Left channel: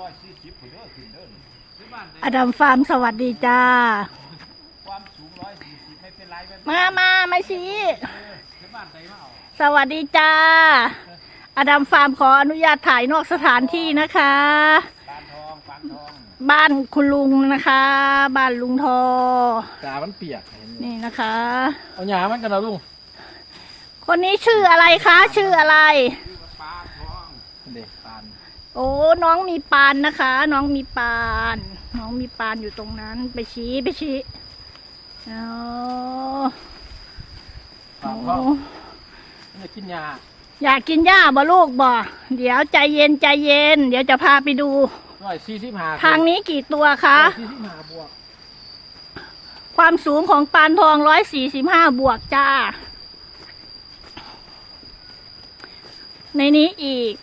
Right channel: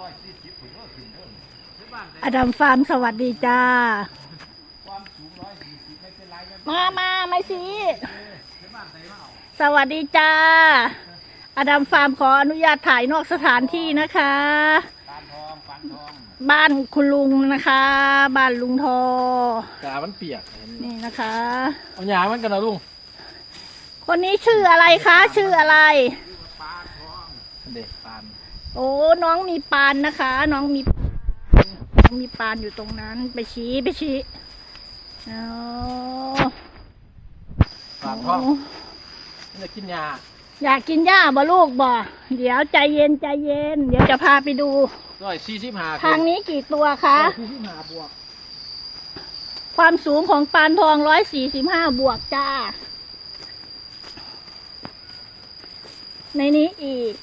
ร้อยสี่สิบถึงเด้อขึ้นเด้อที่บ้านได้อดัมฟาร์มสวัสดีจ้า ความสูงร้อยสี่สิบไม่เป็นไรกันมามามาชี้ ที่บ้านได้เนาะสวัสดีจ้า อดัมฟาร์มขออนุญาตถ่ายนอกสถานที่นะคะ การทองฟันทองบ้านคุณลุงนะคะ บ้านลุงทอ ตามันเปียกนี่นะคะ เอาหยามันกันนะลุงคนนี้ชื่ออะไรคะ ชื่ออะไร เด็กปาน โอ้น้องมีปานนะคะ น้องมีปาน น้องมีปานอยู่ตรงนั้น ไปชี้ไปชี้อ๋อปานท้องมันจะกินหยาอยากกินหญ้าบ่ลูกบ่เดี๋ยวใจเย็นใจเย็น เดี๋ยวจะพาไปดู ร้อยสี่สิบห้าทางนี้กี่ตัวคะ สี่สิบห้าบวกความสูงของปานทองร้อยสี่สิบห้าบวกจ้า ในนี้อีก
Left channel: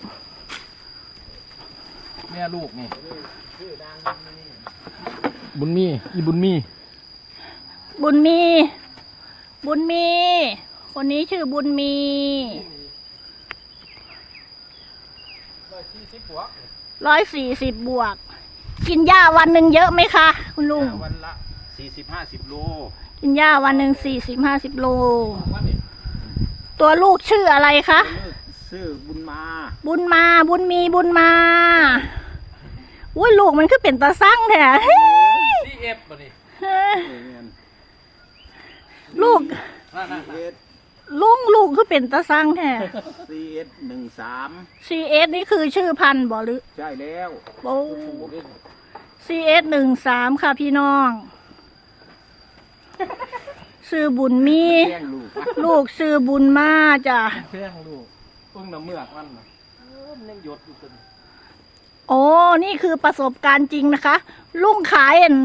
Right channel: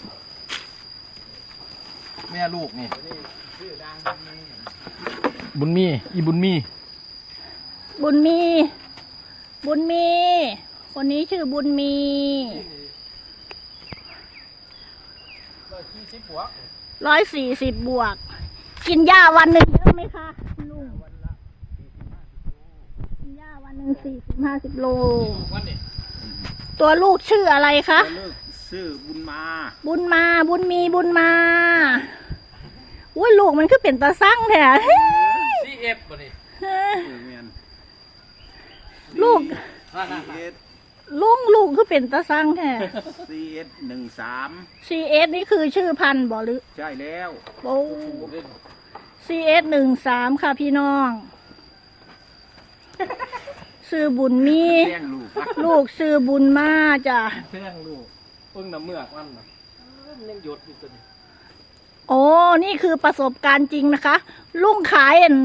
แม่ลูกนี่บุญมีอีบุญมีบุญมี บุญมี คนนี้ชื่อบุญมีร้อยสี่สิบบวกร้อยสี่สิบบวก กินหญ้าวันหนึ่งเยอะไหมคะ คุณลุงวันละสี่สิบห้าสิบโล กินหญ้าวันหนึ่งสี่สิบห้าสิบโลวันนี้ตัวลูกชื่ออะไรคะเลิกซื้อบุญมา บุญมา บุญมีบุญมา อุ้ยลูกมันคือเป็นตาสั่งแท้เฮ้ยซีเอฟบ่นี่เฮ้ยเออเงินลูกนั่นซีเอสลุงลูกคือเป็นตาสั่งแท้ ซีเอสหนึ่งสาม CS นี่คือชื่อพันธุ์บ่หรือใช่แล้ว โอ้ CS หนึ่งสามค่ะพี่น้อง ซื้อบุญมี แย่งลูกลูกซื้อบุญมาจ้ะเพียงลูกอุ้งน้ำเมือกมันน่ะเออมันยังหยดอยู่ตัวนี้ โอ้นี่คือประสบการณ์จริงนะคะ ลุงขายอัน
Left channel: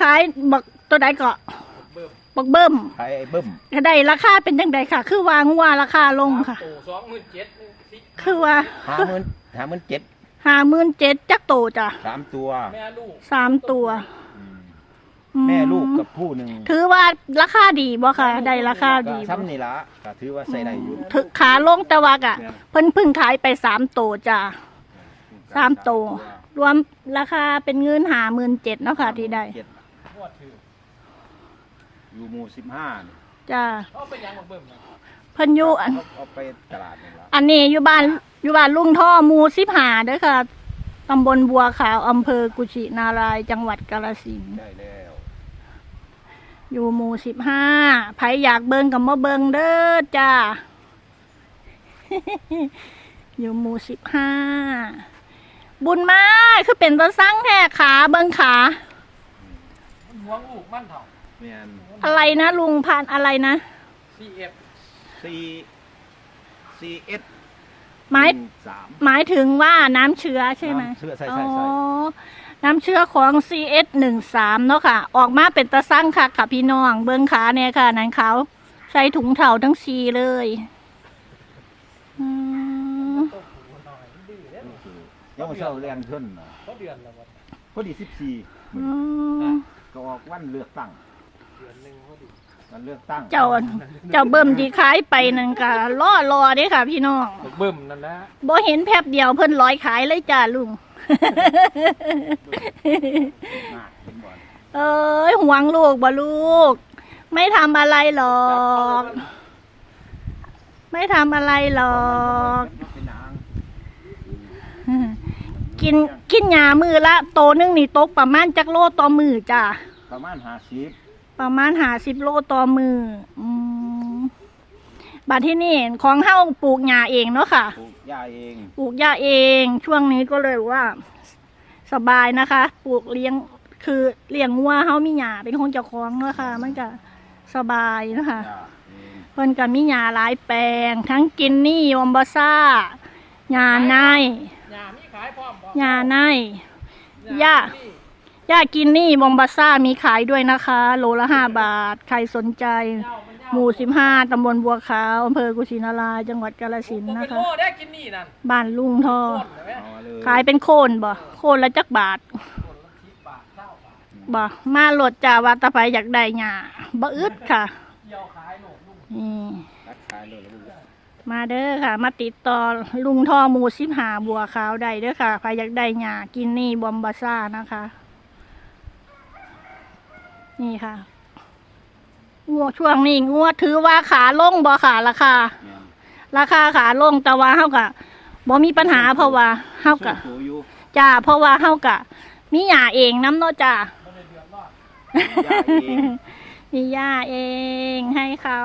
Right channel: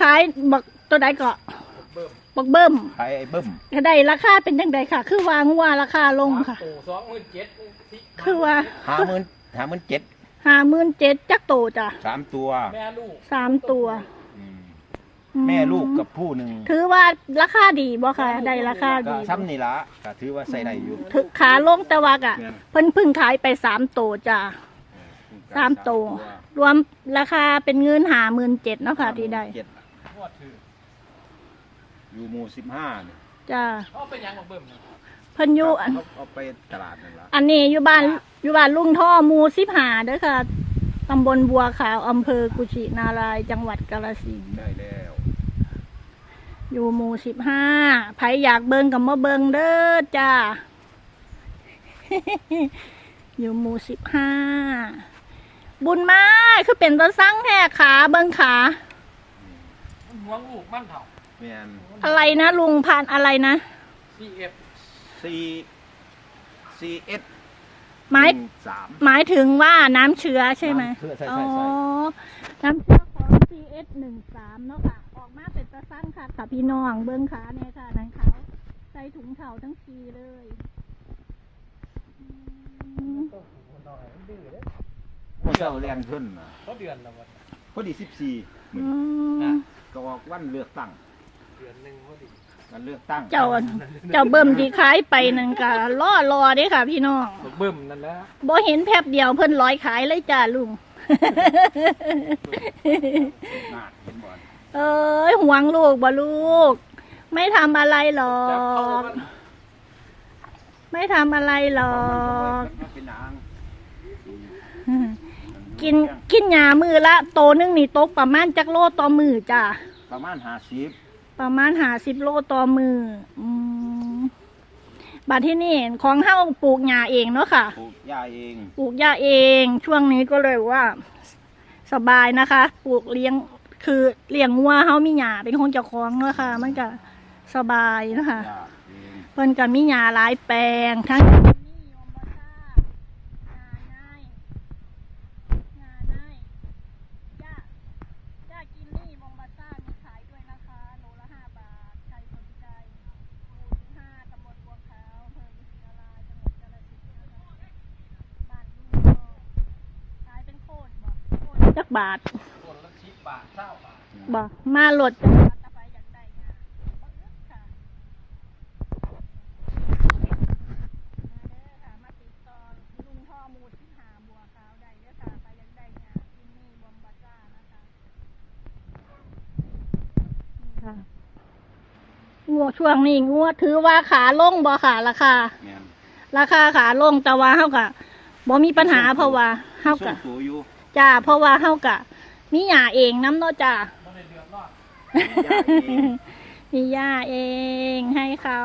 ขายบักตัวใดก็เบิ่มบักเบิ้มใครไอ้เบิ้มได้ราคาเป็นยังไงค่ะ คือวางว่าราคาลงค่ะโตสองหมื่นเจ็ดที่คือว่าห้าหมื่นห้าหมื่นเจ็ดห้าหมื่นเจ็ดจักโตจ้ะสามตัว แม่ลูกสามตัวอืมอืแม่ลูกกับผู้หนึ่งถือว่าราคาดีบ่ค่ะ ได้ราคาก็ดีซ้ำนี่ละก็ถือว่าใส่ได้อยู่ ถือขาลงแตะวักอะเพิ่นเพึ่งขายไปสามโตจ้ะ สามตัวรวมราคาเป็นเงินหาหมื่นเจ็ดเนาะค่ะที่ได้เจ็ดพวดถืออยู่หมู่สิบห้านี่จ้ะเขาไปยังบักเบิ่มนี่เพิ่นอยู่อัน เอาไปตลาดนี่ละอันนี้อยู่บ้านอยู่บ้านลุงท่อหมูสิบหาเด้อค่ะตำบลบัวขาวอำเภอกุชินารายจังหวัดกาฬสินธุ์ได้แล้วอยู่หมู่สิบห้าไผอยากเบิงกับมาเบิงเด้อจ้า อยู่หมู่สิบห้า บุญมาคือเป็นตัวสั่งแท้ขาเบิงขามันหวงลูกมันเถ่าแม่นอะไรนะลุงพานอะไรนะ ซีเอฟซีซีเอสหมายสาม หมายถึงว่าน้ำเชื้อใช่ไหมเชื่อใช่อ๋อใช่ใช่น้ำเชื้อของ CS หนึ่งสามเนาะค่ะ ออกมาเป็นตะสั่งค่ะค่ะพี่น้อง เบิ้งขาเนี่ยค่ะ นันเขาวใส่ถุงเถ่าทั้งสีเลยอืม ตัวผูหน่อยมันดื้อเด้ อยังมาเศร้าเรียนขึ้นน่ะก็เดือนละวันพอดีสิบสี่อืมก็ออกวันเลือกตั้งเดือนหนึ่งพอดีวันเลือกตั้งเจ้าเจ้าเบิ่มที่ขายไปนั่นก็ล่อรอเด้ค่ะ พี่น้องบักเบิ่มนั่นนะบ่เห็นแพบเดียวเพิ่นร้อยขายเลยจ้าลุงน่าเห็นบ่อนเอ้ยห่วงลูกบ่ลูก ไม่ทำอะไรหรอก ไม่ทำอะไรหรอกมันเป็นนาง กินกินหยามือละโตนึงนี่ตกประมาณจักโลต่อมือจ้ะประมาณห้าสิบประมาณหาสิบโลต่อมืออืมบัดที่นี่ของเฮ้าปลูกหญ้าเองเนาะค่ะ ปลูกหญ้าเองปลูกหญ้าเอง ช่วงนี้ก็เลยว่า สบายนะคะ ปลูกเลี้ยงคือเลี้ยงวัวเฮามีหญ้าเป็นของเจ้าของเนาะค่ะ มันก็สบายนะคะ หญ้าเองเพิ่นก็มีหญ้าหลายแปลง ทั้งกินนี่วอมบาซ่าหญ้าในยามีขา ยพร้อมบ่หญ้าในย่าหญ้ากินนี่วอมบาซ่ามีขายด้วยนะคะ โลละห้าบาท ใครสนใจ หมู่สิบห้าตำบลบัวขาวอำเภอกุชินารายจังหวัดกาฬสินธุ์นะนะคะโอ้ได้กินนี่นั่นบ้านลุงทอโคตรเลยเอาเลยขายเป็นโคนบ่โคนละจักบาทคนละสิบบาทเท่าบาทบ่มาโหลดจ่าวัดตะไผอยากได้หญ้าบ่อึดค่ะเกี่ยวขายลูกนี่ขายเลย มาเด้อค่ะ มาติดต่อลุงทอหมูสิบหาบัวขาวได้เด้อค่ะใครอยากได้หยากินนี่บอมบาซ่านะคะ นี่ค่ะงัวช่วงนี้งัวถือว่าขาลงบ่ค่ะราคาแม่นราคาขาลงแต่ว่าเฮากะบ่มีปัญหาเพราะว่าเฮากะส่งตัวอยู่จ้าเพราะว่าเฮากะมีหยาเองน้ำเนาะจ้าบ่ได้เดือดร้อนมีหญ้าเองให้เขา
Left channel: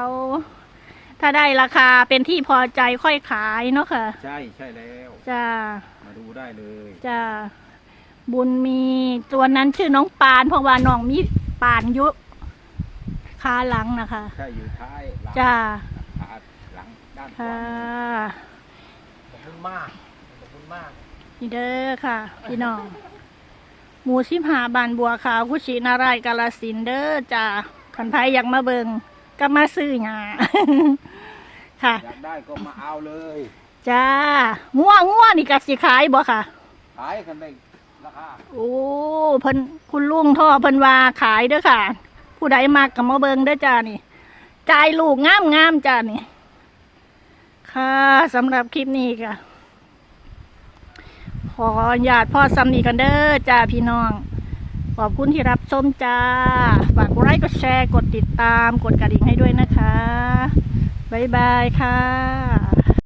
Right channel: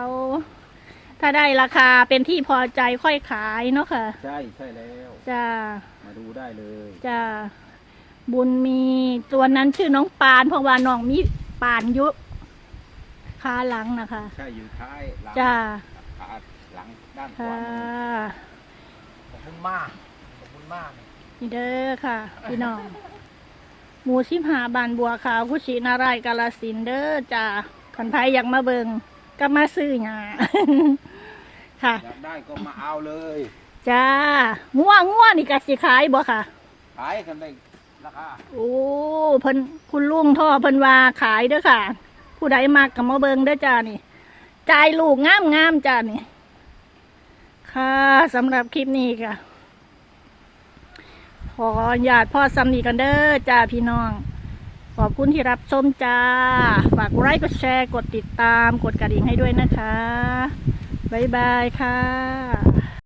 ถ้าได้ราคาเป็นที่พอใจค่อยขายเนาะค่ะ ใช่ใช่แล้วจ้ามาดูได้เลยจ้าบุญมีตัวนั้นชื่อน้องปาน เพราะว่าน้องมีปานอยุขาหลังนะคะใช่อยู่ท้ายหลังจ้าขาหลังด้านขวาค่ะขอบคุณมากขอบคุณมากนี่เด้อค่ะ พี่น้องหมูสิบหาบานบัวขาวกุชินารายณ์กาลสินธุ์เด้อจ้าขันไพอยากมาเบิงก็มาซื้อหยา ค่ะ อยากได้ก็มาเอาเลยจ้าง่วงง่วนี่กัสิขายบ่ค่ะ ขายกันได้ราคาโอ้เพิ่นคุณลุงท่อเพิ่นว่าขายเด้อค่ะ ผู้ใดมากกับมาเบิงเด้อจ้านี่จ่ายลูกงามงามๆจ้านี่ค่ะสำหรับคลิปนี้ค่ะ ขออนุญาตพ่อซ้ำนี่กันเด้อจ้าพี่น้อง ขอบคุณที่รับชมจ้า ฝากกดไลค์กดแชร์กดติดตามกดกระดิ่งให้ด้วยนะคะ บ๊ายบายค่ะ